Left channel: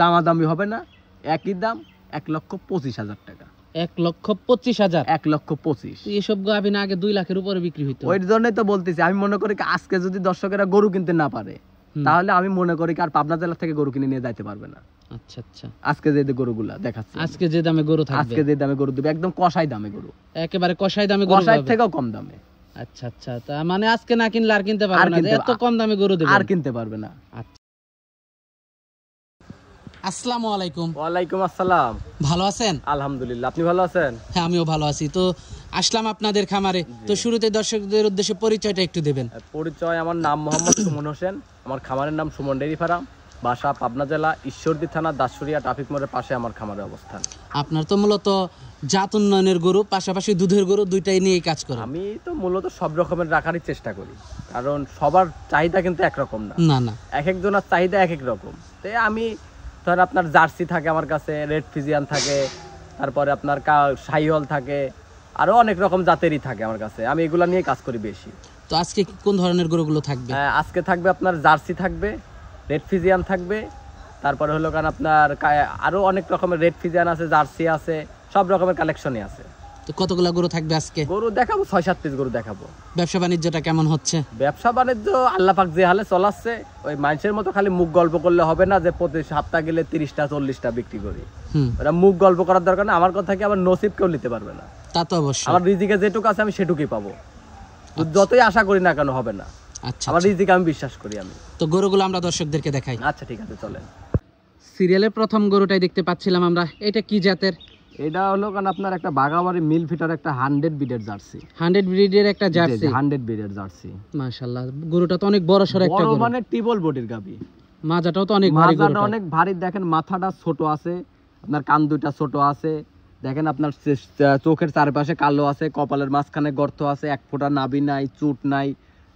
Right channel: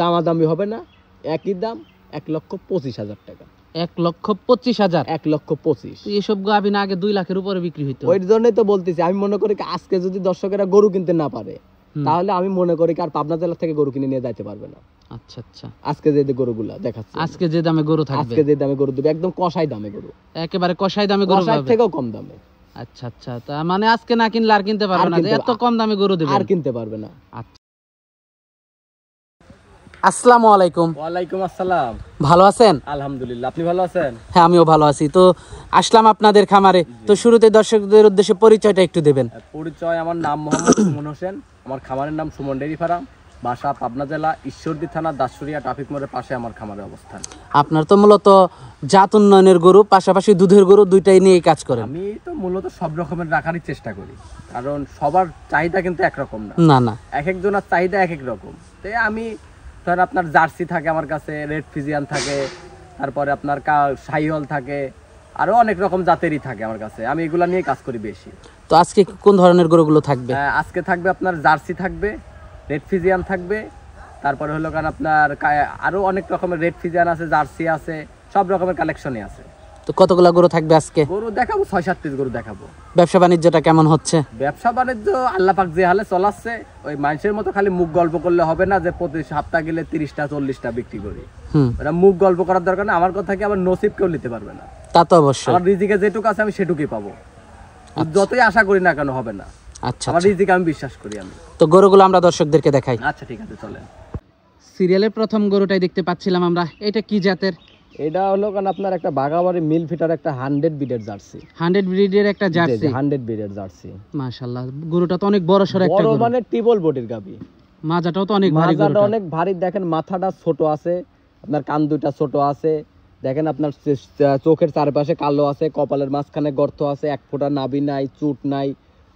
দামাদামি হবে না, একই দাম 1,25,000 টাকা। 1,25,000 1,25,000 এসব গাভী না আগে 2 লাখের উপরে বিক্রি হইতো। ওই জন্যই তো বলতেছি, আমি মনে করি আজকে যদি দর্শকেরা গরু কিনতে না পারে তাহলে আমি মনে করি আর পাবনা জেলা থেকে গরু কিনে নিয়ে যাইতে পারবে না। আচ্ছা আচ্ছা, আজকে যে গরুগুলা দেখাচ্ছি, আজকে যে দামে গরু থাকবে, আজকে যে দামে গরু দেবে একদম কষাই দামে গরু, একেবারে কষাই দামে গরু কষাই থেকেও কম দামে। আচ্ছা আচ্ছা, তা মানে আজকে না কিনলে আর কিনতে পারবে না, এত কম দামে গরু দেবে আর কিনতে পারবে না। আচ্ছা, আসসালামু আলাইকুম। ওয়ালাইকুম আসসালাম। ভালো আছেন? আলহামদুলিল্লাহ, আপনি ভালো আছেন? হ্যাঁ, আমিও ভালো আছি। তো আসলাম আপনাদের খামারে, তো শুরুতে দর্শকদের উদ্দেশ্যে পরিচয়টা একটু দেবেন। পরিচয়, আমার নাম মোহাম্মদ সুমন হোসেন, আমার খামারের নাম সুমন ডেইরি ফার্ম, বাসা পাবনা জেলা ঈশ্বরদী থানা দাসুরিয়া ট্রাফিক মোড়ের পাশে আমার খামারের অবস্থান। আপনার তো মূলত জাত উন্নয়নের গরু পাশাপাশি দুধের গরু দুইটাই নিয়ে কাজ করেন। আমি তো মূলত সব রকমের রাখারই চেষ্টা করি, কারণ সবার চাহিদা কিন্তু একরকম না, না না, এক একজনের চাহিদা এক এক রকম। তাই আমি ধর আপনার জার্সি থাকে আমার কাছে, রেড ফিজিয়ান থাকে, তারপরে আপনার শাহিওয়াল থাকে, আরো অনেক রকম জাতেরই থাকে আমার কাছে, আমি এগুলা নিয়ে কাজ করি বেশি। তো আজকে কোন ধরনের গরুগুলো থাকবে? আজকে থাকবে আপনার জার্সি থাকবে, রেড ফিজিয়ান থাকবে, তারপরে হলো কারণ আপনার আরো অনেক রকমের রেড ফিজিয়ান আছে, জার্সি আছে, সব রকমের কালেকশনই আছে। তো কতগুলা গরু থাকবে আজকে? গরু দেখাবো 6-7 পিস গরু দেখাবো। ব্যবসা বাণিজ্যটা কেমন হচ্ছে? ব্যবসা বাণিজ্য আল্লাহ পাক যে হালে চলাচ্ছে, ওই মানুষের মতো খালি মুখ গল্প করলে হবে না যে প্রতি সপ্তাহ গেলে 30টা 40টা বিক্রি করি। ওরা মুখ গল্প করার দরকার না, আমার কথা কি আবার নসিব কেউ নিতে পারবে না। তা তো অবশ্যই, আমার রিজিকে যেটুকু আছে আমি সেটুকুই পাবো, যতই আশা করি না কেন হবে না। আচ্ছা, আমার রিজিকে আমি বিশ্বাস করি আমি। তো গরুগুলো আমরা দর্শকদেরকে দেখাই। আচ্ছা ঠিক আছে, চলেন। সিরিয়ালের প্রথম গরুটাই দেখতে পাচ্ছিলাম আমরা, এটা কি জাতের? এটা হলো কারণ আপনার একটা বাগাবাড়ি মিল ফিটার একটা 100 ব্রিডের জার্সি। 100 ব্রিডের একটা জার্সি? 100 ব্রিডের জার্সি। মাশাআল্লাহ, গরুটা তো অনেক বড় সর একটা গরু, মানে টিবল বডির গাবি। মাজাটাও তো অনেক ভারী, গরুটা অনেক ভারী। দেখেন মাথাটা ছোট আছে, আপনার কান দুইটা ছোট আছে, দেখেন আপনার চোখের চারপাশে কালো আছে, কপালের মাঝখানে গর্ত আছে, এক ফোঁটা নাভি নাই, চুট নাই,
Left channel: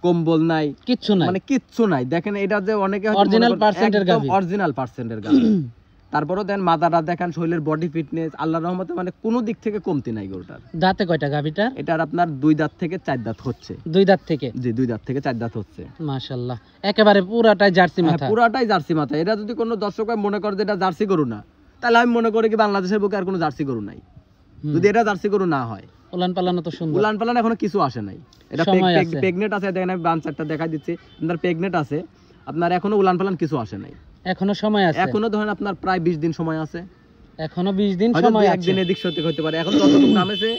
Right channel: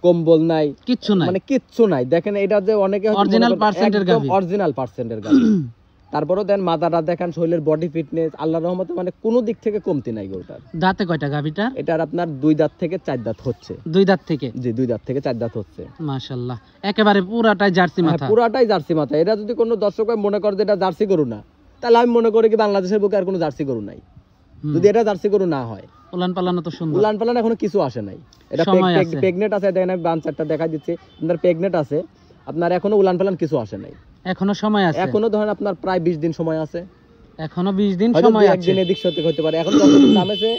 কম্বল নাই, কিচ্ছু নাই, মানে কিচ্ছু নাই। দেখেন এটা যে অনেকে অরিজিনাল পার্সেন্টের গাবি, অরিজিনাল পার্সেন্টের গাবি। তারপরেও দেন মাথাটা দেখেন, শরীরের বডি ফিটনেস আল্লাহর রহমতে মানে কোনো দিক থেকে কমতি নাই গরুটার। দাঁতে কয়টা গাবিটা? এটার আপনার 2 দাঁত থেকে 4 দাঁত হচ্ছে। 2 দাঁত থেকে? জি, 2 দাঁত থেকে 4 দাঁত হচ্ছে। মাশাআল্লাহ, একেবারে পুরাটাই জার্সি মাথা। পুরাটাই জার্সি মাথা। এটা যদি কোনো দর্শক মনে করে যে এটা জার্সি গরু না, তাহলে আমি মনে করি কি বাংলাদেশের বুকে আর কোনো জার্সি গরু নাই, যদি এটা জার্সি গরু না হয়। উলান পালানো তো সুন্দর। উলান পালানো এখনো কিছু আসে নাই। এটা প্রেগনেন্ট আছে, দেখেন আমি বাঞ্চারটা দেখাই দিচ্ছি, আপনার প্রেগনেন্ট আছে, আপনার এখনো উলান পালান কিছু আসে নাই, এখনো সময় আছে। এখনো ধরেন আপনার প্রায় 20 দিন সময় আছে, এখনো 20 দিন সময় আছে। একদিন এদিক সেদিক হতে পারে, এখন যতটুকু দাম আছে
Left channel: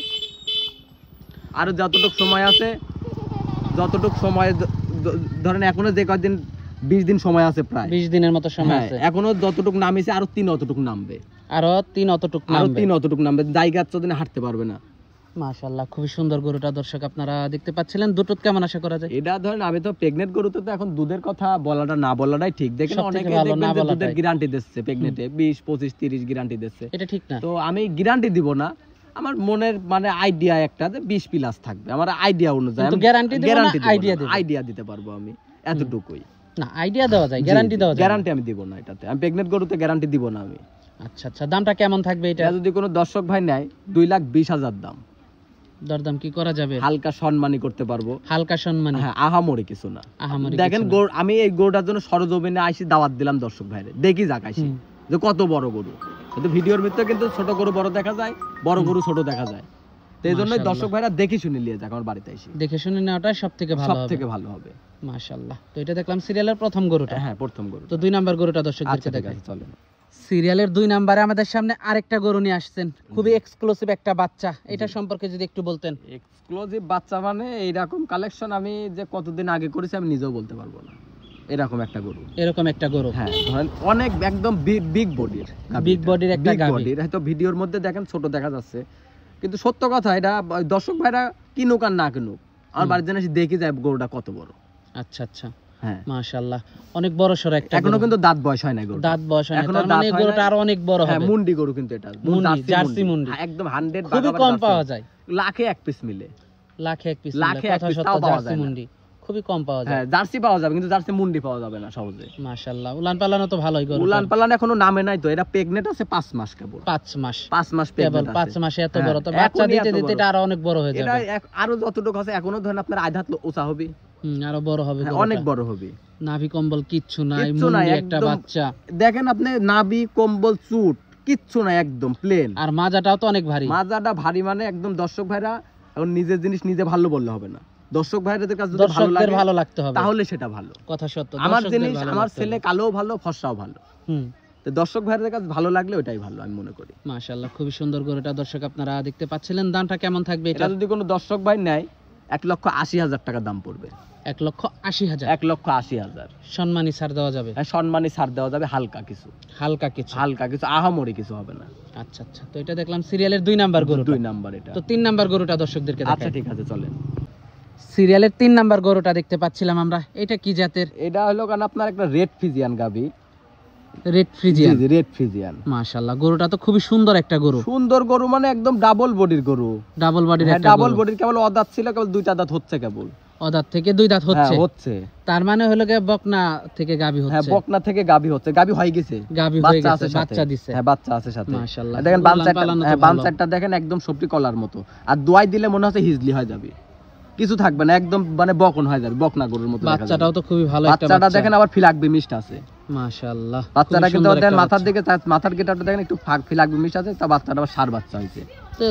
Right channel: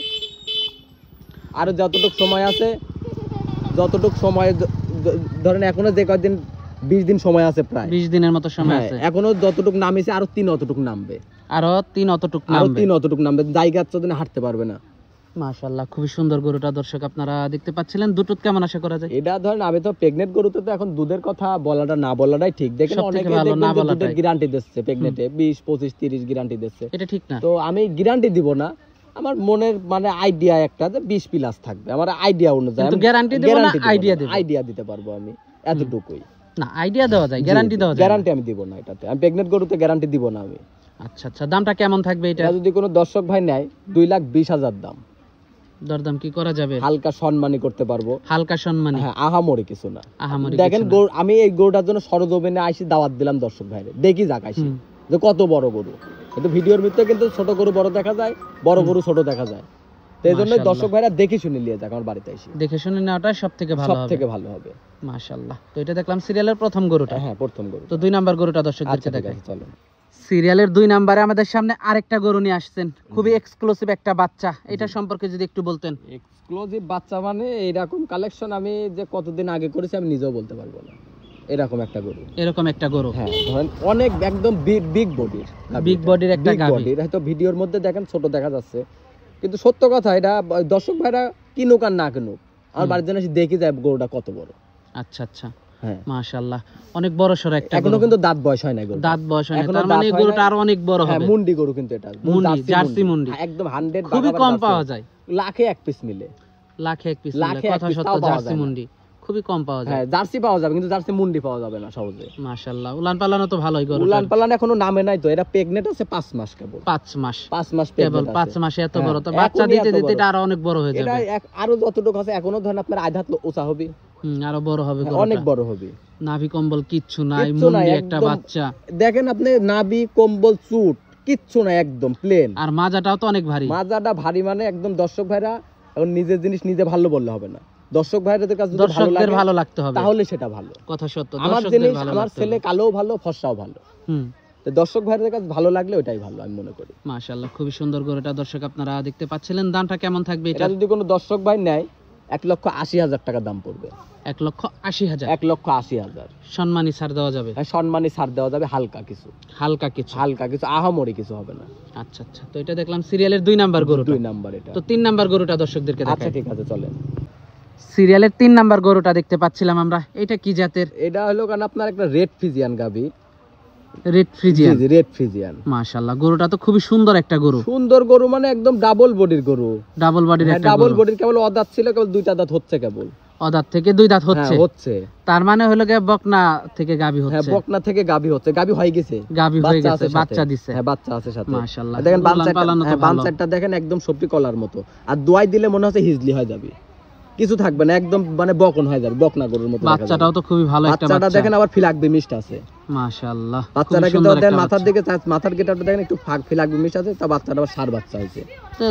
আর যতটুকু সময় আছে, যতটুকু সময় ধরেন এখনো যে কয়েকদিন 20 দিন সময় আছে, প্রায় 20 দিনের মতো সময় আছে। এখনো যতটুকু নামিছে আরো 3 অতটুকু নামবে, আরো 3 অতটুকু নামবে, আরো 3 অতটুকু নামবে, জায়গা যতদিন হাঁটতে পারবে না। মাশাআল্লাহ, খুবই সুন্দর গরুটা দর্শক আপনারা দেখতে পাচ্ছিলেন। দুধ কেমন আশা করা যায়? এটা ধরেন আমি তো প্রেগনেন্ট গরুতে তো এখন দুধের কথা বলাটা না বলাটাই ঠিক। দেখেন অনেকে দেখবেন যে দুধের গ্যারান্টি দিচ্ছে প্রেগনেন্টে 20 25 30 গ্যারান্টি দিচ্ছে, এটা ঠিক না। তো আমি গ্যারান্টি দিব না, আমার মনের মানে আইডিয়া একটা যে 20 প্লাস থাকবে, আমার আইডিয়া অনুযায়ী কিন্তু গ্যারান্টি দেব না, আইডিয়া দিতে পারবো আমি, এতটুকুই। না, আইডিয়া দেওয়া যায়, গ্যারান্টি দেওয়া যায়। গ্যারান্টি আমি দিব না এটাতে, আমি প্রেগনেন্ট গরুতে গ্যারান্টি দিব না আমি। আচ্ছা আচ্ছা, দামটা কেমন থাকবে এটা? যদি কোনো দর্শক ভাই নেয় 2,20,000 দাম। দরদাম কি করা যাবে? হালকা সম্মানী করতে পারবো। হালকা সম্মানী? হ্যাঁ, আহামরি কিছু না। দেখেন আমি এই গরুটার জন্য সরজমিনে আইসি, দাওয়াত দিলাম দর্শক ভাইরে, দেখি যাক আইসি যে কত বড় গরু। কিন্তু ভিডিওর ভিতরে কিন্তু ছোট গরু বড় দেখা যায়, বড় গরু ছোট দেখা যায়, এই জন্য দর্শক ভাইরা দেখে শুনে নিয়ে যাক আমার বাড়িতে এসে, দেখে শুনে নেওয়াটা সবথেকে ভালো হবে। মাশাআল্লাহ, তো এটা দেখলাম সিরিয়ালের প্রথম গরুটা। হ্যাঁ, প্রথম গরু। তো 2 নাম্বার গরুটা দর্শকদেরকে দেখাই। চলো। সিরিয়ালের 2 নম্বরে আমাদের সামনে আরেকটা গরু নিয়ে আসছেন, খুবই এক্সক্লুসিভ একটা বাচ্চা, এটা সম্পর্কে যদি একটু বলতেন। এক্সক্লুসিভ বাচ্চা মানে এইরকম কালেকশন আমি যে কতদিন আগে করেছি আমি নিজেও বলতে পারবো না, এরকম একটা গরু। এরকম একটা গরু? হ্যাঁ, ধরেন অনেক একদম বিগ বডির একটা গাভী। হয়তো ভিডিওর মধ্যে দেখেন ছোট দেখা যাচ্ছে, কিন্তু সত্য কথা এটা দর্শক ভাইরা কিনুক আর না কিনুক, আমার বাড়ির জন্য দেখি যায় গরুটা কত বড়। আচ্ছা আচ্ছা, হ্যাঁ মাশাআল্লাহ, অনেক বড় সর একটা। এখনো কিন্তু দাঁত বয়স হয় না গরু, দাঁত বয়স হয় না, তার মানে গরুটা আরো অনেক বড় হবে। মুন্ডি গরু কিন্তু এটা, মুন্ডি, জার্সি মুন্ডি, একদম 100, খুবই কম পাওয়া যায়, লাখে 1 পিস মিলে, লাখে 1 পিস মিলে, কথা সত্য, জার্সি মুন্ডি খুবই কম পাওয়া যায়। হ্যাঁ জার্সি পাওয়া যাবে কিন্তু জার্সি মুন্ডি পাওয়া যাবে না সহজে। মাশাআল্লাহ, উলান পালানো তো ভালোই গরু। উলান পালান এখনো নামে নাই তো, এটা প্রেগনেন্ট আছে 5 মাস কেবল। 5 মাস 5 মাস কেবল, প্রেগনেন্ট 5 আছে। মাসে এত হ্যাঁ, বড় তো বাচ্চা এখনই দিতে এত দিতে বড়। এটা আরো অনেক বড় হয়ে এটা যাবে। আরো যতটুকু আছে এখনো ধরেন আপনার আধা হাত উঁচা হবে। আরো বড় হবে হ্যাঁ, গরুটা। অনেক বড় হবে। নাভি কম্বল কিচ্ছু নাই, কিচ্ছু নাই, মুন্ডি একটা একদম। বাচ্চা। দেখেন আপনি নাভি কম্বল চুট কিচ্ছু নাই, একদম প্লেন। আর মাজাটাও তো অনেক ভারী। মাজাটা ভারী মানে একদম দর্শক ভাইরা এখন নিজের জিনিস নিজে ভালো বললে হবে না, দর্শক ভাইদের কাছে যদি ভালো দর্শকদের লাগে ভালো লাগতে হবে, তাহলে সেটা ভালো। কথা সত্য, আমার দর্শকদের জিনিস ভালো আমার লাগতে ছেলে হবে। কালো ভালো ফর্সাও ভালো, তো দর্শক ভাইদের কাছে ভালো লাগলে ওটাই ভালো আমি মনে করি। মাশাআল্লাহ, খুবই সুন্দর গরুটা দর্শক আপনারা দেখতে পাচ্ছিলেন। দামটা কেমন থাকবে এটা এটা? যদি কোনো দর্শক ভাই নেয় 1,80,000 টাকা দাম পড়বে। 1,80,000। 1,80,000 সম্মানী ছাড় দেওয়া যাবে? হ্যাঁ, সম্মানী ছাড় দেওয়া যাবে, হালকা কিছু, হালকা কিছু। হালকা কিছু, আহামরি কিছু হবে না। আচ্ছা আচ্ছা, তো এটা দেখলাম সিরিয়ালের 2 নাম্বার গরুটা। 2 নাম্বার এটা। তো 3 নাম্বার গরুটা দর্শকদেরকে আচ্ছা দেখাই। ঠিক আছে চলেন। সিরিয়ালের 3 নাম্বার গরুটা দেখতে পাচ্ছিলাম আমরা, এটা কি জাতের? এটা হলো কারণ আপনার একটা রেড ফ্রিজিয়ান গাবি। Red Friesian. জি রেড ফ্রিজিয়ান। মাশাআল্লাহ, গরুটা তো খুবই সুন্দর একটা গরু। সুন্দর গরু মানে একদম ডাবল বডির গরু। ডাবল বডির একটা ডাবল গরু। বডির, কেবল অদাঁত ছিল, কেবল 2টা দাঁত হচ্ছে কেবল। অদাঁত থেকে 2 দাঁত হচ্ছে। হ্যাঁ, হচ্ছে। তার মানে হলো গিয়ে বকনা থেকে গাবি হ্যাঁ, হচ্ছে। বকনা থেকে গাবি হচ্ছে, গাবি হয়ে গেছে, গাবি হয়ে গেছে, আছে সাথে। বাচ্চা দিছে। হ্যাঁ, বাচ্চা আছে সাথে। মাশাআল্লাহ, দেখেন উলান পালানো তো ভালো। বানসারটা দেখেন একদম সবটি কলার মতো, আর দোয়াই দিলে মনে হচ্ছে হিজলি হয়ে যাবে, কিছু থাকবে না, একদম মানে বকন হয়ে যাবে, বকনা গরুর মতো। বাচ্চাটাও তো খুবই ভালো একটা বাচ্চাটা বাচ্চা। দেখেন আবার ফিলাকবি মিষ্ট আছে। মাশাআল্লাহ, বাচ্চাটা কিন্তু দেখেন মাথার দিকে, মাথার গেটাটা দেখেন একটু ফিলাকবি মিষ্ট আছে, তার বাচ্চাটা আবার সার বাচ্চা হয়েছে।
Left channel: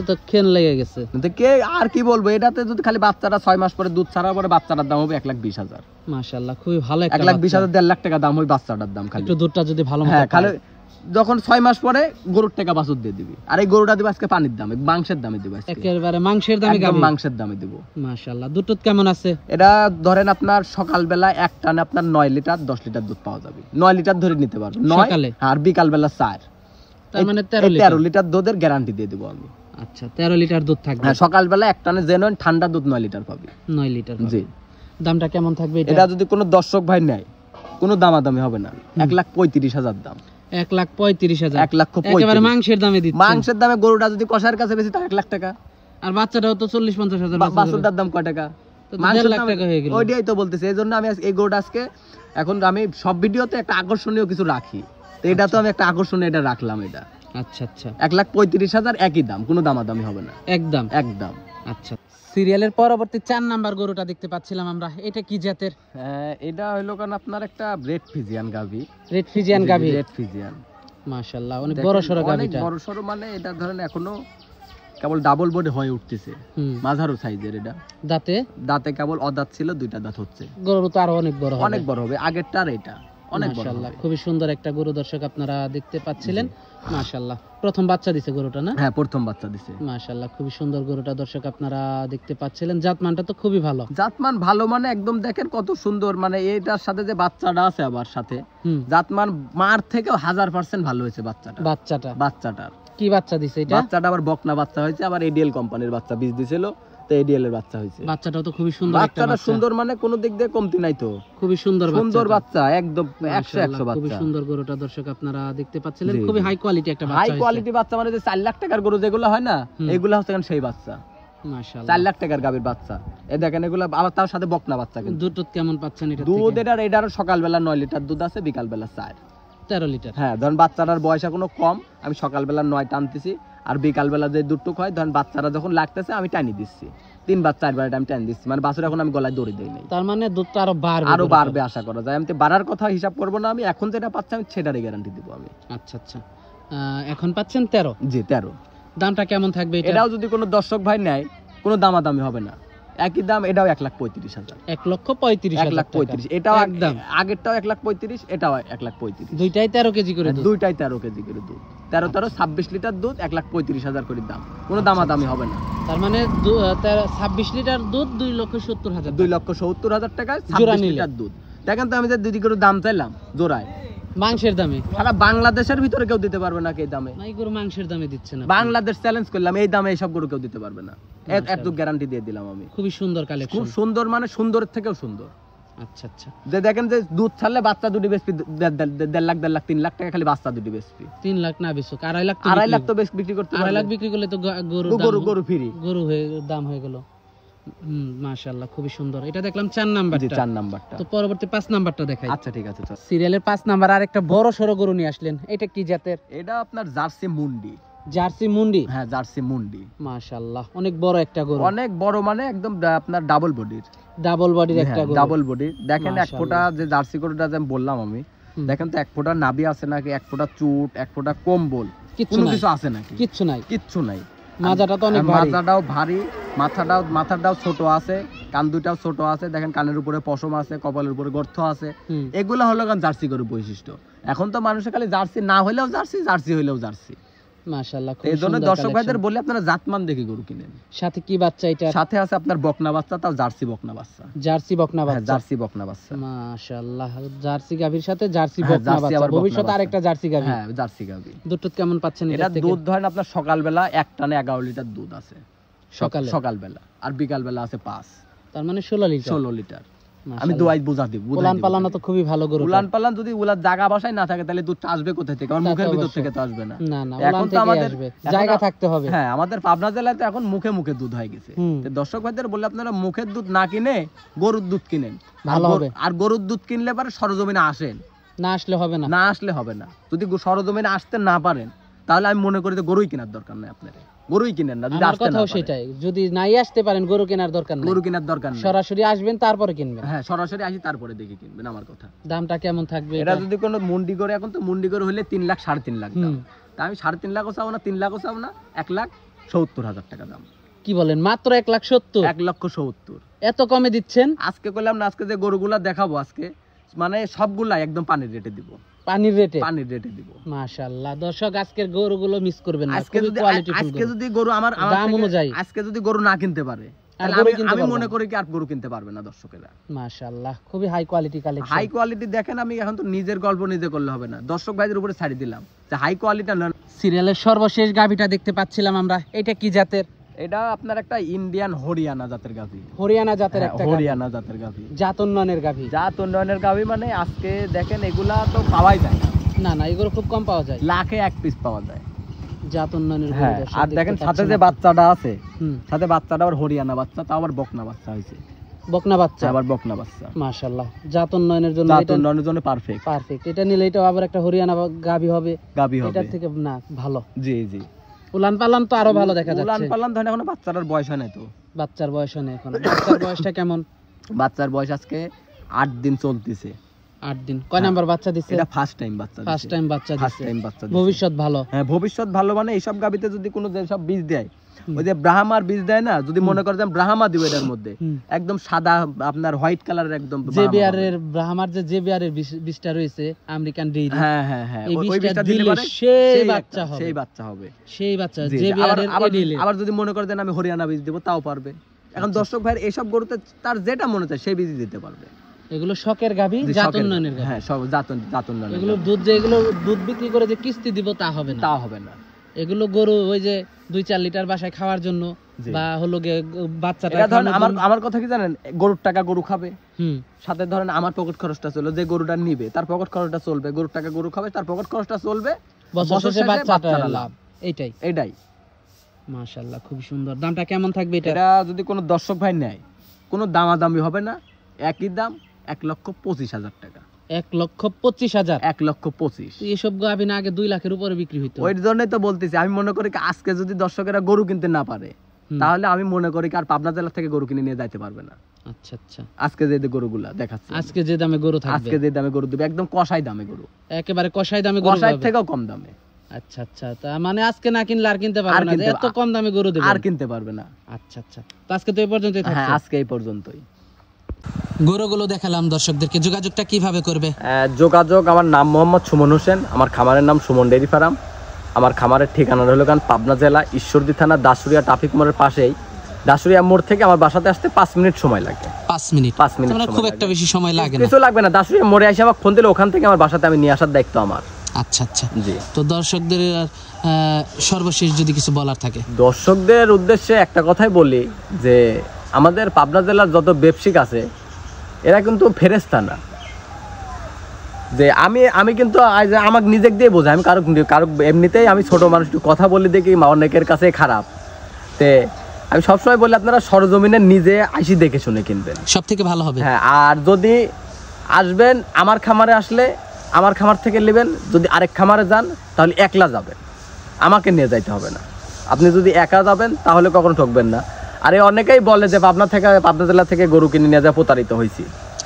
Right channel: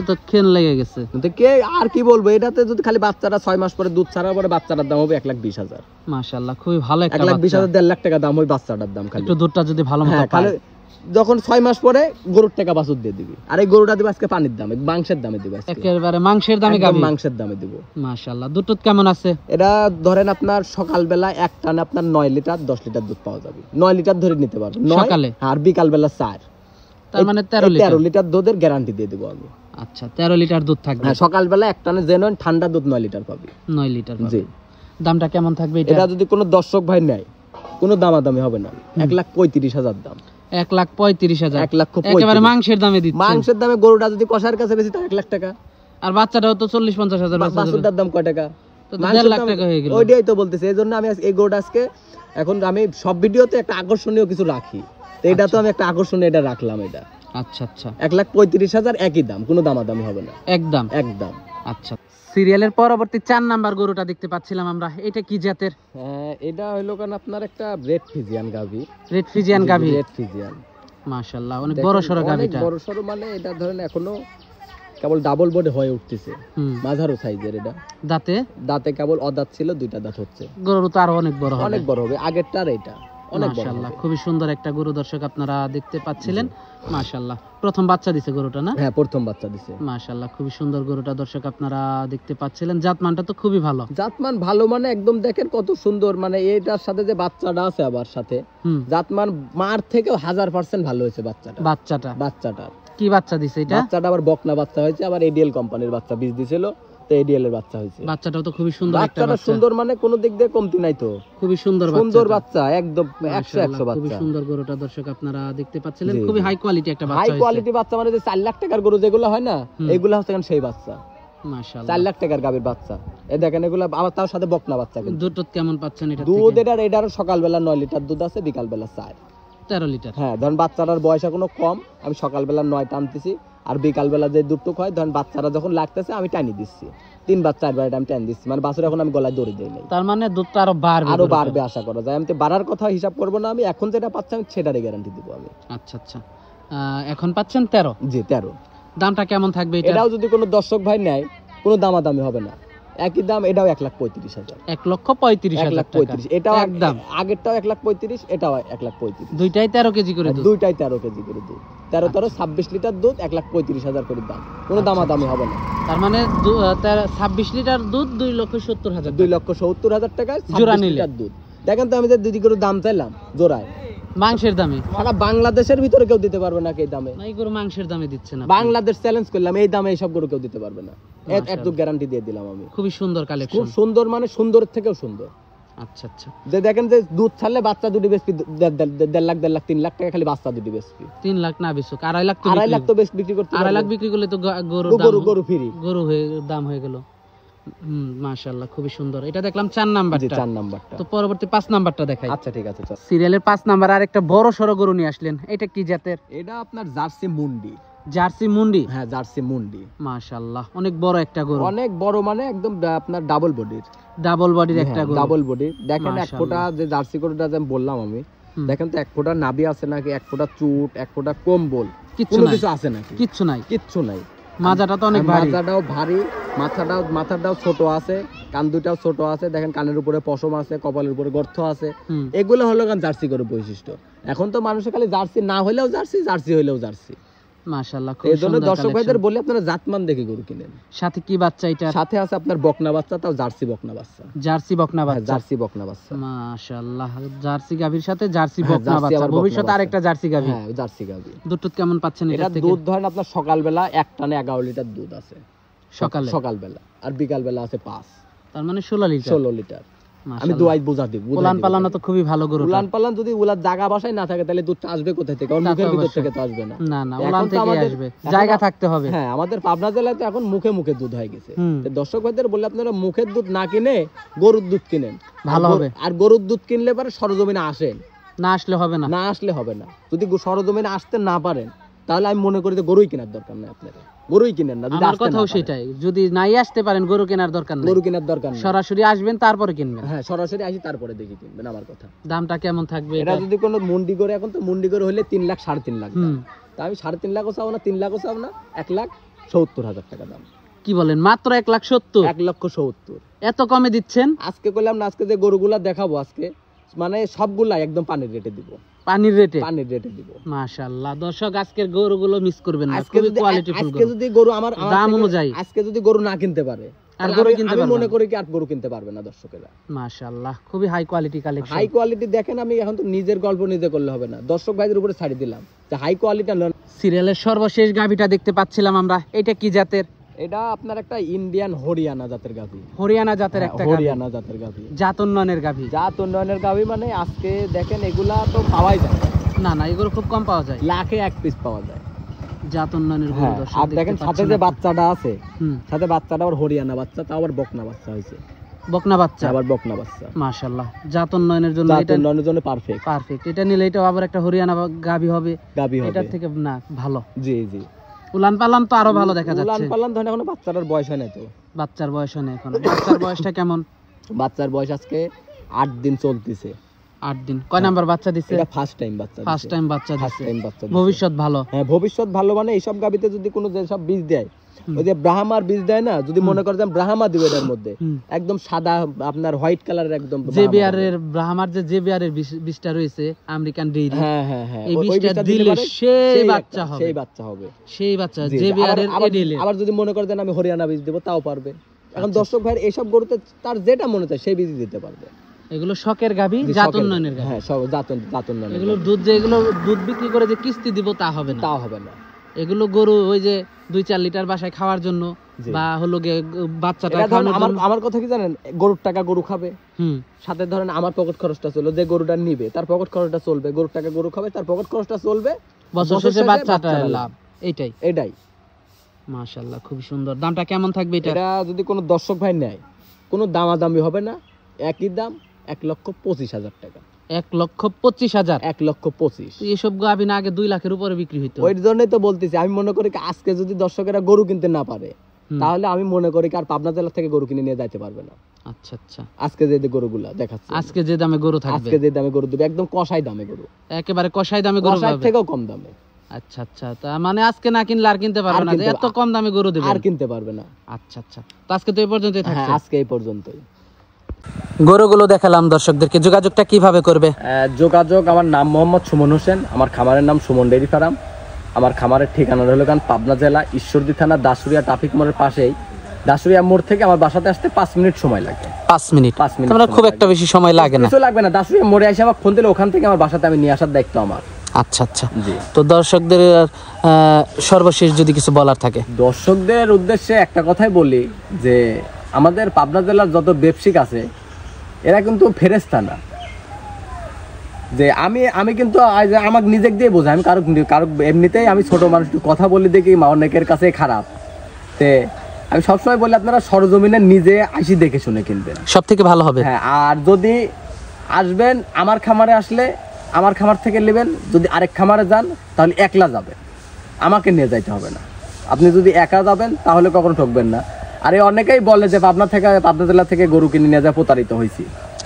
তো খেন লেগে গেছে। কিন্তু কে আর কি বলবো, এটাতে যদি খালি বাচ্চাটা 6 মাস পরে দুধ ছাড়ার পরে বাচ্চাটার দাম হবে 1,20,000। মাশাআল্লাহ, খুবই ভালো একটা 1,20,000 বাচ্চা। 1.5 লাখ টাকা দাম ওই বাচ্চাটার দাম খালি। একটু দুধটা যদি ভালো মতো হ্যাঁ, পায়। খালি যখন 6 মাস পরে গরুর টাকা বাছুর দিয়ে দিবি, আর এই গরুটা দিব আজকে পানির দামে, মাংসের দামে দিব আজকে, একেবারে মাংসের দামে একদম গাবি। মাংসের দামে দিব। মাশাআল্লাহ, দুধ কেমন আছে? এটা ধরেন আপনার সকালবেলা এক টানে আপনার 9 লিটার 10 লিটার দুধ পাওয়া যাবে। 9 লিটার ধরে নিতে পারবেন সকালে, আর বিকালবেলা 4, তার মানে 13 লিটার। 13 লিটার দুধের গ্যারান্টি দিয়ে দেবো আমি। আচ্ছা, 13 লিটার দুধ থাকবে। হ্যাঁ, সকালবেলা এক টানে জেনুইন ঠান্ডা দুধ 9 লিটার পাবে। 9 লিটার পাবে। জি। দামটা কেমন থাকবে এটা? এটা যদি কোনো দর্শক ভাই নেয় কোনো দামাদামি হবে না, 1,35,000 দাম। 1,35,000। 1,35,000 একেবারে মাংসের দামে দিচ্ছেন। মাংসের দামে গরুটা যদি কষার কাছে বেশি তার 1 লাখ টাকা। আর বাচ্চাটাও তো 40-50,000 বেচা যাবে। বাছুরটার দাম কয় টাকা? তো 1.5 লাখ টাকা হয়ে গেল। ওইটাই তো বলতেছি, এই জন্য আমি এই গরুটা আজকে, এখন আমি সব ভিডিওতে একটা আকর্ষণীয় কিছু রাখি, তো এটা তো আমি একটা আকর্ষণীয় এটা রাখলাম। এটা আচ্ছা আচ্ছা, 1,35,000 একই দাম, কোনো দামাদামি হবে না, একদম একদম। আচ্ছা, সিরিয়ালের পরবর্তী 4 নাম্বার গরুটা দেখতে পাচ্ছিলাম আমরা, এটা কি জাতের? এটা হলো কারণ আপনার একটা রেড ফ্রিজিয়ান গাভি। রেড ফ্রিজিয়ান গাভি। রেড ফ্রিজিয়ান, মাশাআল্লাহ, অনেক বড় সরো গাভিটা। বড় সরো মানে এটা ধরেন এখনো কেবল ডাবল বডি হয়ে উঠতেছে, মাঝারো সাইজের। এটা দাঁতে দাঁতে কেবল অদাঁত ছিল, 2টা দাঁত হচ্ছে। গরু তো আরো অনেক বড় হবে। অনেক বড় হবে, আগেরটা আর এটা অনেক বড় মাশাআল্লাহ, হবে। খুবই সুন্দর একটা গরু দর্শক আপনারা দেখতে পাচ্ছিলেন। মাশাআল্লাহ, প্রথম বাচ্চা দিছে গরুটা না? হ্যাঁ, প্রথম বাচ্চা দিছে। মাশাআল্লাহ, খুবই সুন্দর গরুটা দর্শক আপনারা দেখতে পাচ্ছিলেন। জাতমানটা তো খুবই ভালো। জাতমান ভালো মানে একদম দেখেন কত সুন্দর, মানে এটার সাথে যে বাচ্চাটা আছে আবার সাথে, জাতমান মার থেকেও 1000% ভালো হয়েছে বাচ্চাটা। বাচ্চাটা কি বাচ্চা দিছে এটা? বাচ্চাটা আবার বকনা বাচ্চা হয়েছে, আবার এডিএল কোম্পানির বাচ্চা বীজ দিছিল, তো এডিএল এর বাচ্চা হয়েছে। বাচ্চাটাও তো খুবই সুন্দর একটা বাচ্চা। সুন্দর মানে কোনো দিক দিয়ে কমতি নাই তো, খুবই সুন্দর বাচ্চা একদম 100 বাচ্চা। খুবই সুন্দর গরুটা দর্শক আপনারা দেখতে পাচ্ছিলেন। খুবই হাই কোয়ালিটি একটা বাচ্চা হাই হয়েছে। কোয়ালিটি বাচ্চা মানে যে 4 লাখ টাকার গরু যেগুলো হয় না, এগুলো হচ্ছে সেই বাচ্চা। মাশাআল্লাহ, 4 লাখ টাকার গাভীর বাচ্চা। এই দেখেন এগুলো আবার তার সাথে বকনা বাচ্চা। কিন্তু দুধ কেমন পাচ্ছেন এটা? দুধ এটার সকালবেলা 9 লিটার দুধ আছে, বিকালবেলা 13 লিটার। হ্যাঁ, ধরেন বাচ্চাটার বয়স এখনো কম, আমি সকালবেলা 9 টানতেছি, আর বিকালবেলা যে দুধটুক হয় ধরেন বাচ্চারা যখন লাগতেছে আমি টানি দিচ্ছি, 3 বার 4 বার আমি টানি দিচ্ছি, মানে বাছুর এখন আমি গলায় দড়ি দেই নাই। তার মানে দুধটা আরো বাড়বে আশা করা যায়। আমি তো বাড়ার কথা হিসাব করবো না, আমি এখন যেটা পাচ্ছি আমি সেটারই গ্যারান্টি দিব আমি। আচ্ছা আচ্ছা, এখন পাচ্ছেন 13? জি 13। দামটা কেমন থাকবে এটা? এটাও যদি কোনো দর্শক ভাই নেয় কোনো দামাদামি হবে না, একই দাম। এটাও 1,35,000। 1,35,000 এটাও একদম। আগেরটাও 1,35,000, এটাও 1,35,000। দুইটাই 13 কেজি করে দুধ। দুইটাই 13 কেজি করে দুধ। 13 26 লিটার দুধ, 1,35,000 করে দাম, কোনো দামাদামি হবে না। তার মানে 26 লিটার দুধ 2,70,000। 2,70,000 টাকায় জোড়া 26 নিলে। লিটার দুধ। দেখেন তো আমি যে দিদি করে দাম চাইলাম জোড়ায়, মাংসের দামে সারা বাংলাদেশের ভিতরে কেউ দিতে পারবে না এই দামে। নাই গরু মাংসের দামে দিচ্ছে না। বাংলাদেশ চ্যালেঞ্জ করলাম, এই দামে এইসব গরু কেউ দিতে পারবে না, এত গ্যারান্টি দিয়ে দিলাম আমি। খুবই সুন্দর কালেকশন। খুব সুন্দর, মানে সুন্দরের থেকেও সুন্দর। আচ্ছা আচ্ছা, যে দেখেন যে দুধ ছাড়লে বাচ্চা দুটি বেশি 1.5 লাখ 3 লাখ টাকা খালি বাচ্চা দুটি বেশি। 3 লাখ না বেচুক, 2.5 লাখ তো 2.5 লাখ তো বেশ বিক্রি করতে 2.5 লাখ বিক্রি করলে তো গরু ফ্রি, গরু দাম হয়ে গেল। মাশাআল্লাহ খুবই সুন্দর। এটা দেখলাম 4 নাম্বারটা। 4 নাম্বারটা। তো পরবর্তী 5 নাম্বারটা দেখাই। আচ্ছা ঠিক আছে। সিরিয়ালের 5 নাম্বার আরেকটা বড় সরো গরু নিয়ে আসলেন, এটা কি জাতের? এটা আপনার জার্সি মুন্ডি। জার্সি মুন্ডি? হ্যাঁ জার্সি মুন্ডি। মাশাআল্লাহ অনেক বড় একটা গরু। অনেক বড় মানে একদম আপনার ডাবল বডির। ডাবল বডির একটা গরু। Double body. দেখেন এক ফোঁটা যে জার্সি গরুটা যে বললাম আমি, দেখেন তো এক ফোঁটা নাভি আছে নাকি, এক ফোঁটা চুট, এক ফোঁটা কম্বল, কোনো কিছু আছে নাকি? কিচ্ছু নাই। কিচ্ছু নাই। মাজাটা তো অনেক ভারী। মাজাটাও ভারী, মাথাটাও ছোট আছে, কান দুটাও ছোট আছে, দেখেন কানের উপরে পশম আছে, কপালের উপরে গর্ত আছে। এগুলো হলো জার্সি গরুর বৈশিষ্ট্য। এখন তো মানুষের খালি জার্সি না হলেও জার্সি, জার্সি হলেও জার্সি। মাশাআল্লাহ খুব এই জন্য সুন্দর দর্শক ভাইদের কালেকশন। বলি আপনারা জাতমান দেখে গরু কিনেন। সাথে কি বাচ্চা এটা? সাথে আছে আপনার বকনা বাচ্চা, তাও জার্সি বকনা বাচ্চা। জার্সি বকনা বাচ্চা। জার্সি বকনা বাচ্চা। মাশাআল্লাহ জার্সি গাভীর সাথে জার্সি বকনা বাচ্চা। ভবিষ্যতে আরেকটা জার্সি গাভী। হ্যাঁ জার্সি গাভী। দুধ কেমন পাচ্ছেন এটা থেকে? দুধ ধরেন আপনার সকালবেলা এক টানে 11 লিটার দুধ আছে সকালবেলা, আর বিকালবেলা আছে 5, তার মানে 16 লিটার। আমি দুয়াই বুঝা দিব। উলান পালানো তো খুবই ভালো গরু। উলান পালান যদি উলার জায়গা বাসায় না থাকে তাহলে দুধ আসবে কোথা থেকে? আর মুখের ভিতর থেকে তো আসবে না। না না, উলান থেকে আসবে, জায়গা থাকতে হবে। হ্যাঁ আমাদের পাবনা জেলায় তো এখন মুখে মুখে দুধ হয়ে গেছে। তো দর্শক ভাইদের বলে আপনারা মুখের দুধ না কিনে গরুর দুধ কিনেন, ভালো হবে। আর গরুর দুধ কিনলে পরে সরজমিনে আসেন, না আসলে হবে না। না আসলে হবে না। যদি সরজমিনে আসতে না পারেন তাহলে আমি মনে করি যে গরুই কেনার দরকার নেই আপনার। গরুই কিনেন না। আমার কথাও সেটাই, যদি নাই আসতে পারেন গরু কেনার দরকার নেই। গরু কেনার দরকার নেই, সরাসরি আসবেন তারপরে কিনবেন। হ্যাঁ সরাসরি আসি তারপরে দেখে কিনবেন। আমার কথা। দামটা কেমন থাকবে এটা? যদি কোনো মুন্ডি করে, এখন তো মুন্ডি করে হলে 3 লাখ 3.5 লাখ। তা আমি 3.5 লাখও চাও না, 3 লাখও চাও না, 1,70,000 টাকা দাম। কি বলেন? মাত্র 1,70,000? 1,70,000 এত কমে দিচ্ছেন? আজকে বললাম না, আজকে যে গরুগুলা দেখাবো আজকে মানে সবগুলা একদম পানির রেটে দিব। পানির রেটে? পানির রেটে দিব। মাশাআল্লাহ দর্শক আজকের গরুগুলো মিস করবেন না, খুবই কোয়ালিটিফুল গরু। আজকে যদি গরু আমার দাম অনুযায়ী, আজকে যদি গরু না কিনতে পারে আর গরু কিনতে আমি পারবে মনে করি কি আর গরু কিনতে পারবে না দর্শকেরা। মাশাআল্লাহ খুবই high quality collection. High quality দেখেন, আমি এখন তো নিজের গল্প নিজে করলে হবে না, দর্শক ভাইদের উপরে ছাড়ি দিলাম যে হাই কোয়ালিটি। সিরিয়ালের সর্বশেষ গাভীটা দেখতে পাচ্ছিলাম আমরা, এটা কি জাতের? এটা আপনার একটা ইন্ডিয়ান হরিয়ানা জাতের গাভী। হরিয়ানা জাতের একটা হরিয়ানা জাতের গাভী। জাত উন্নয়নের গাভী। জাত উন্নয়নের গাভী মানে আজকে দেখেন এগুলা তো পাওয়াই যায় না না, এগুলো খুব কম পাওয়া যায়, লাখে 1 পিস পাওয়া যায়। জাত উন্নয়নের গরু দর্শক। আর দেখেন সাথে যে বাচ্চাটা আছে, সাথে বাচ্চাটা আবার হরিয়ানা বাচ্চা, তাও আবার বকনা বাচ্চা হয়েছে। বকনা বাচ্চা? আবার বকনা বাচ্চা। মাশাআল্লাহ জাত উন্নয়নের জন্য, জাত উন্নয়নের জন্য পারফেক্ট। পারফেক্ট। এটা নিলে এটা আবার একটা হরিয়ানা গাভী হবে। এটার থেকে না ভালো। জি জি। উলান পালান তো আরো ভালো দেখা যাচ্ছে। উলান পালান ধরেন এখন বাচ্চাটার বয়স হয় না তো। বাচ্চার বয়স নেই এখন। বাচ্চার বয়সটা কেমন? বাচ্চার বয়স আজকে 8 দিন চলতেছে। 8 দিন। কয় নাম্বার বাচ্চা দিছে? এটা ফার্স্ট টাইম বাচ্চা। ফার্স্ট টাইম বাচ্চা দিছে। বাচ্চা। ভবিষ্যৎ ভালো। হ্যাঁ ভবিষ্যৎ ভালো। মানে এইসব গাবিতে যদি কোনো যে সব বীজ দেয়, ওই যে ব্রাহ্মার বীজ দেয় না, যদি মনে করে যে ব্রাহ্মা দিবে এর মধ্যে একদম সাদা আপনার হোয়াইট কালারের একদম জেবিআরের ব্রাহ্মার যে জেবিআরের বীজটা রয়েছে আমেরিকান ডেইরি। হ্যাঁ হ্যাঁ হ্যাঁ, এই বীজটা দিলে সেই বাচ্চা হবে। সেই বাচ্চা হবে। সেই বাচ্চা জেবিআরের এডিলে। আবার যদি মনে করে দেন আমি হরিয়ানা বীজ দেব, তাও পারবে। এখন দর্শক ভাইয়ের এইসব গরুতে তার যেটা মনে চায় সেই বীজ দিতে পারবে। এগুলো শখের গাভী, জাত উন্নয়নের গাভী। হ্যাঁ সব জাত উন্নয়নের। এগুলো দুধ যে এগুলো দুধ বিক্রি করে যে কিস্তি দিব তা হবে না। তা হবে না। এগুলো গরু ওই যে 2-4 লিটার বাসায় খাওয়ার জন্য বা হলো বাচ্চাটা খাওয়ানোর জন্য। আমার কথা কি জানেন, গরুর টাকা গরু খাবে, সাথে ধরেন আমার পকেট খরচটা চলবে, যে গরুটা নিবে তার পকেট খরচটা চলবে, গরুর টাকা গরু খাবে, তার পকেট খরচটা চলবে, বছর শেষে বাচ্চাটা লাভ। এটাই। মাশাআল্লাহ খুব সুন্দর। দামটা কেমন থাকবে এটা? এটা যদি কোনো দর্শক ভাই নেয়, কোনো দামাদামি হবে না, একই দাম 1,25,000 টাকা। 1,25,000? 1,25,000। এসব গাভী না আগে 2 লাখের উপরে বিক্রি হইতো। ওই জন্যই তো বলতেছি, আমি মনে করি আজকে যদি দর্শকেরা গরু কিনতে না পারে তাহলে আমি মনে করি আর পাবনা জেলা থেকে গরু কিনে নিয়ে যাইতে পারবে না। আচ্ছা আচ্ছা। আজকে যে গরুগুলা দেখাচ্ছে, আজকে যে দামে গরু থাকবে, আজকে যে দামে গরু দিবে, একদম কষাই দামে গরু, একেবারে কষাই দামে গরু পাবে, থেকেও কম দামে। আচ্ছা আচ্ছা। তা মানে আজকে না কিনলে আর কিনতে পারবে না, এত কম দামে গরু দেবে, আর কিনতে পারবে না। আচ্ছা আচ্ছা। তো আজকে তো এই পর্যন্তই থাকছে। হ্যাঁ আজকে এই পর্যন্তই। গরুগুলো দেখালাম দর্শকদেরকে, যোগাযোগটা কিভাবে করবে? যোগাযোগ, আমার নাম মোহাম্মদ সুমন হোসেন, আমার খামারের নাম সুমন ডেইরি ফার্ম। আমার খামারের ঠিকানা হলো পাবনা জেলা ঈশ্বরদী থানা দাসুরিয়া ট্রাফিক মোড়ের পাশেই। দাসুরিয়া মোড় থেকে আমার বাসাতে আসতে 5 মিনিট সময় লাগে। 5 মিনিট? মানে খুব একটা বেশি সময় লাগে না। কিছু লাগবে না, দাসুরিয়া মোড়ে এসে আমাকে ফোন দিলে ওখান থেকে আমার বাসাতে আমি নিয়ে আসার দায়িত্ব আমার। আচ্ছা আচ্ছা জি। তো দর্শকদের সর্বশেষ যদি কিছু বলার থাকে? দর্শকদের উদ্দেশ্যে একটা কথাই বলি যে আমাদের পাবনা জেলার যত ব্যবসায়িক আছে এরা কিন্তু ফেরেশতা না। যে আমি কিন্তু আমাকে নিজেকে দিয়ে বোঝাই, আমি কারো এমনিতেই আমি ছোট মানুষ, একটু কথা বলি দেখি অনেকের কাছে খারাপ। তে আমি সবসময় বলি আপনারা সরজমিনে নিজে আইসি দেখে শুনে কিনবেন, সব থেকে ভালো হবে। হ্যাঁ, আর যদি আসবেন আমার খামারে, আসলে আমার খামার থেকে নেবেন। যদি আরেক খামারে যান তাহলে একলা যাবেন, আমাকে নিয়ে যাইতে হবে না। আপনি যদি একা যাবেন তাহলে কখনো ঠকবেন না। আর এই অনেকেই বলে যে পাবনা জেলা থেকে গরু কিনে নিয়ে যায়, প্রতারিত হয়েছি।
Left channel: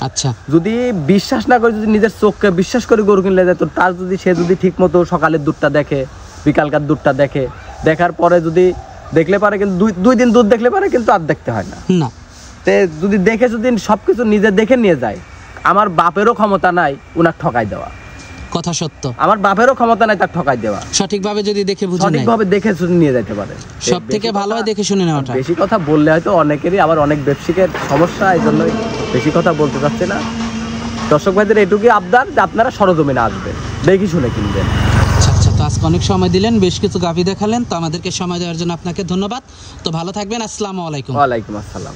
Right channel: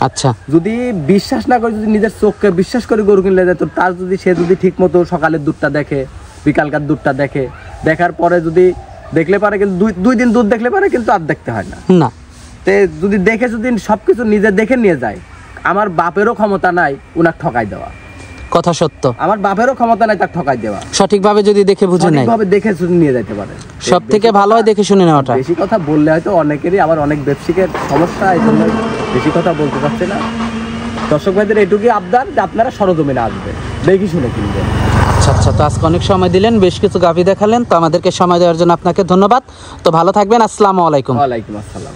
আচ্ছা, যদি বিশ্বাস না করে, যদি নিজের চোখকে বিশ্বাস করে গরু কিনলে যায়, তো তার যদি সে যদি ঠিক মতো সকালের দুধটা দেখে, বিকালকার দুধটা দেখে, দেখার পরে যদি দেখলে পারে, কিন্তু দুই দিন দুধ দেখলে পারে, কিন্তু আর দেখতে হয় না। না, তে যদি দেখে, যদি সবকিছু নিজে দেখে নিয়ে যায়, আমার বাপেরও ক্ষমতা নাই উনার ঠকাই দেওয়া। কথা সত্য, আমার বাপেরও ক্ষমতা নাই তার ঠকাই দেওয়া। সঠিকভাবে যদি দেখে বুঝে নেয়, সঠিকভাবে দেখে শুনে নিয়ে যেতে পারে। সব থেকে ভালো হয় দেখে শুনে নেওয়াটা। বেশি কথা বললে হয়তো অনেকেরই, আবার অনেক ব্যবসায়ীর সমস্যা, এই জন্য বেশি কথা বলতে চাচ্ছে না। দর্শক ভাইদের এটুকুই আবদার যে আপনারা সরজমিনে আসবেন, দেখি শুনে কিনবেন। আচ্ছা আচ্ছা, তো আজকে অনেক সময় দিলেন, বেশ কিছু গাভী দেখালেন, তো আমাদেরকে সময় দেওয়ার জন্য আপনাকে ধন্যবাদ। তো ভালো থাকবেন, আসসালামু আলাইকুম। ওয়ালাইকুম আসসালাম।